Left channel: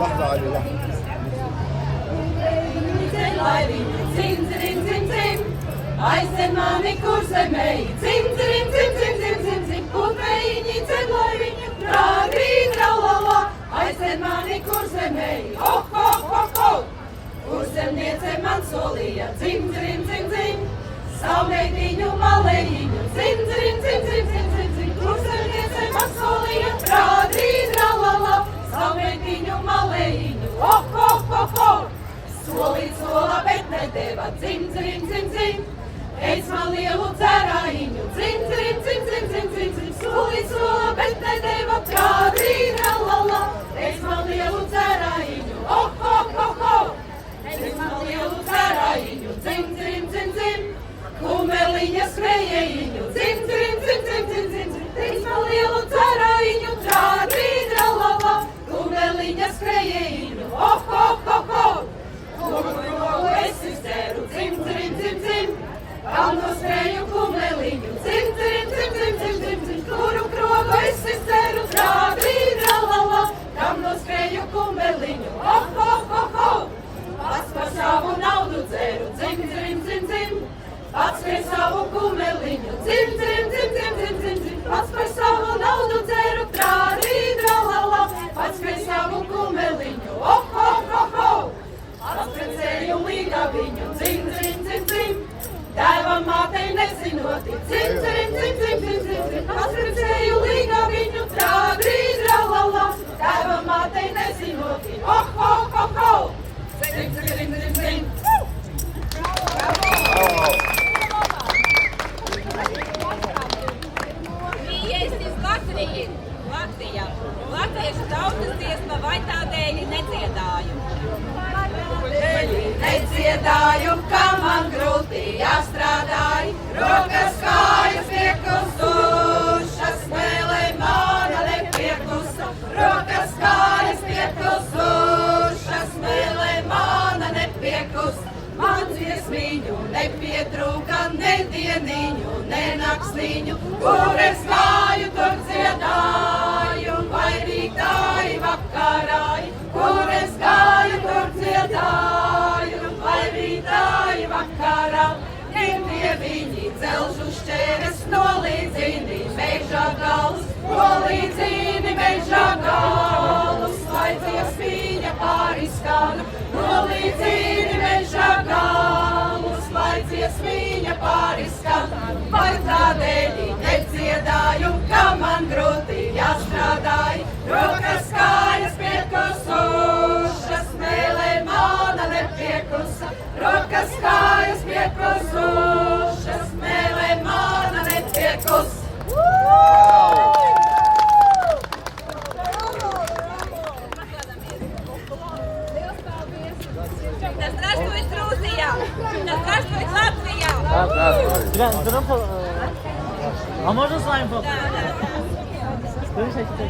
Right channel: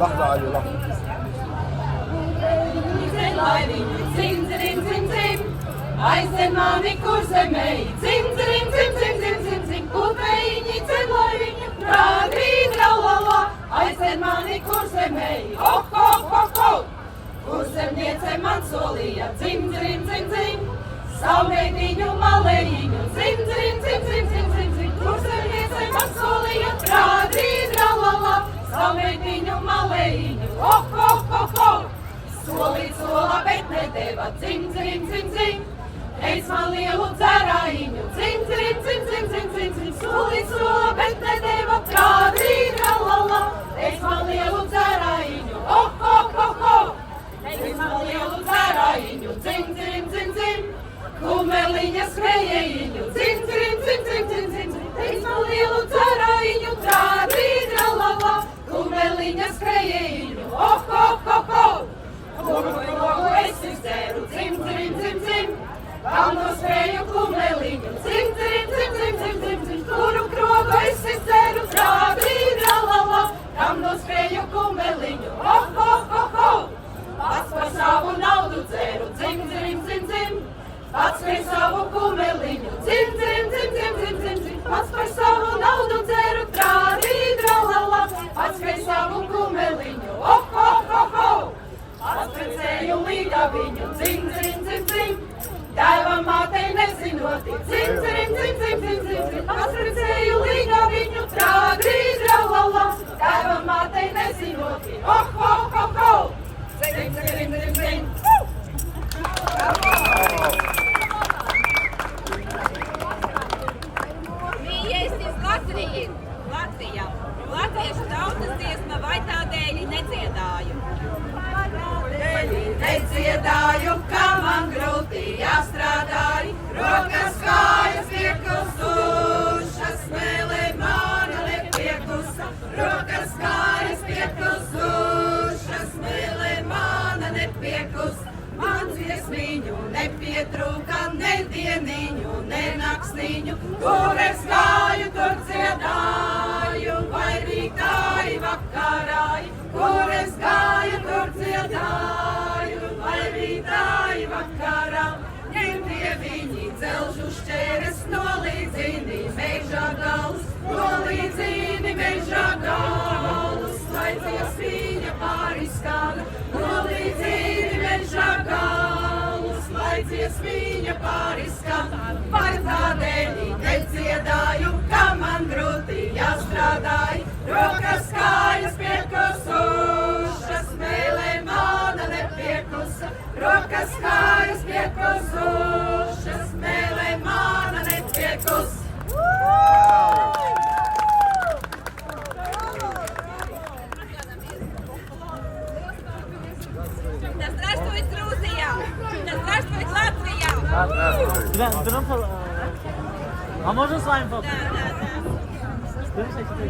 لحظة علي لحظة. Zin, zin, zin, zin. Aizvien mani, kur zemēji. Zin, zin, zin, zin, zin, zin, zin. Kupējiņi, ceļoji viņu, trāgrī, tralala. Aizvien mani, kur zemēji. Ho, ho, ho, ho. Kur zemniece man solīja. Zin, zin, zin, zin. Saulētiņu, malējiņu. Zin, zin, zin, zin, zin, zin, zin. Kur zemniece man solīja. Trāgrī, tralala. Saulētiņu, malējiņu. Ho, ho, ho, ho. Solīt solā, bet nedēva, dzim, dzim, dzim, dzim. Teic man lielu dzērājiņu, dzim, dzim, dzim, dzim, dzim, dzim, dzim. Solīt solā, bet nedēva, trādī, tralala. Teic man lielu dzērājiņu, oh, oh, oh, oh. Teic man lielu dzērājiņu, dzim, dzim, dzim, dzim. Kumeliņa skrējējiņu, dzim, dzim, dzim, dzim, dzim, dzim, dzim. Teic man lielu dzērājiņu, trādī, tralala. Kumeliņa skrējējiņu, oh, oh, oh, oh. Kuru es izdzēru, dzim, dzim, dzim, dzim. Kalnu skrēju kumeliņu, dzim, dzim, dzim, dzim, dzim, dzim, dzim. Kuru krogu es izdzēru, trāgrī, tralala. Kalnu skrēju kumeliņu, oh, oh, oh, oh. Pats par savu naudu dzēru, dzim, dzim, dzim, dzim. Pats par savu kumeliņu, dzim, dzim, dzim, dzim, dzim, dzim, dzim. Pats par savu naudu dzēru, trāgrī, tralala. Pats par savu kumeliņu, oh, oh, oh, oh. Atprecēju līga viņu, dzim, dzim, dzim, dzim. Tēvam mātei nezinoti, dzim, dzim, dzim, dzim, dzim, dzim, dzim. Atprecēju līga viņu, trāgrī, tralala. Tēvam mātei nezinoti, oh, oh, oh, oh. Dzim, dzim, dzim, dzim. Mīļiesties Latvijā. Latviešu tautas dziesma vai tādēļ nedziedāju. Nedziedāju, ka man grūti jāstrādāj, rokas kājas piekustušas, smēlē mana nepiekusta. Rokas kājas piekustušas, smēlē mana nepiekusta. Man dziesmiņu nepietrūka, ne dieniņu, ne nakstiņu, kur es gāju, tur dziedāju, vai rītāji vakarāji, kur es gāju, tur dziedāju, vai rītāji vakarā. Ņemtie viņi dzelžu šķēres, nolīdzini meža galus, nolīdzini meža galus, lai dziesmiņa pārizskan, nolīdzini meža galus, lai dziesmiņa pārizskan. Vai tādēļ nedziedāju, ka man grūti jāstrādāj, rokas kājas piekusušas, smēlē mana nepiekusa. Rokas kājas piekusušas, smēlē mana nepiekusa. Да здравствует Грузия! Да здравствует Латвия! А можно с вами Да, да, да. Слышите?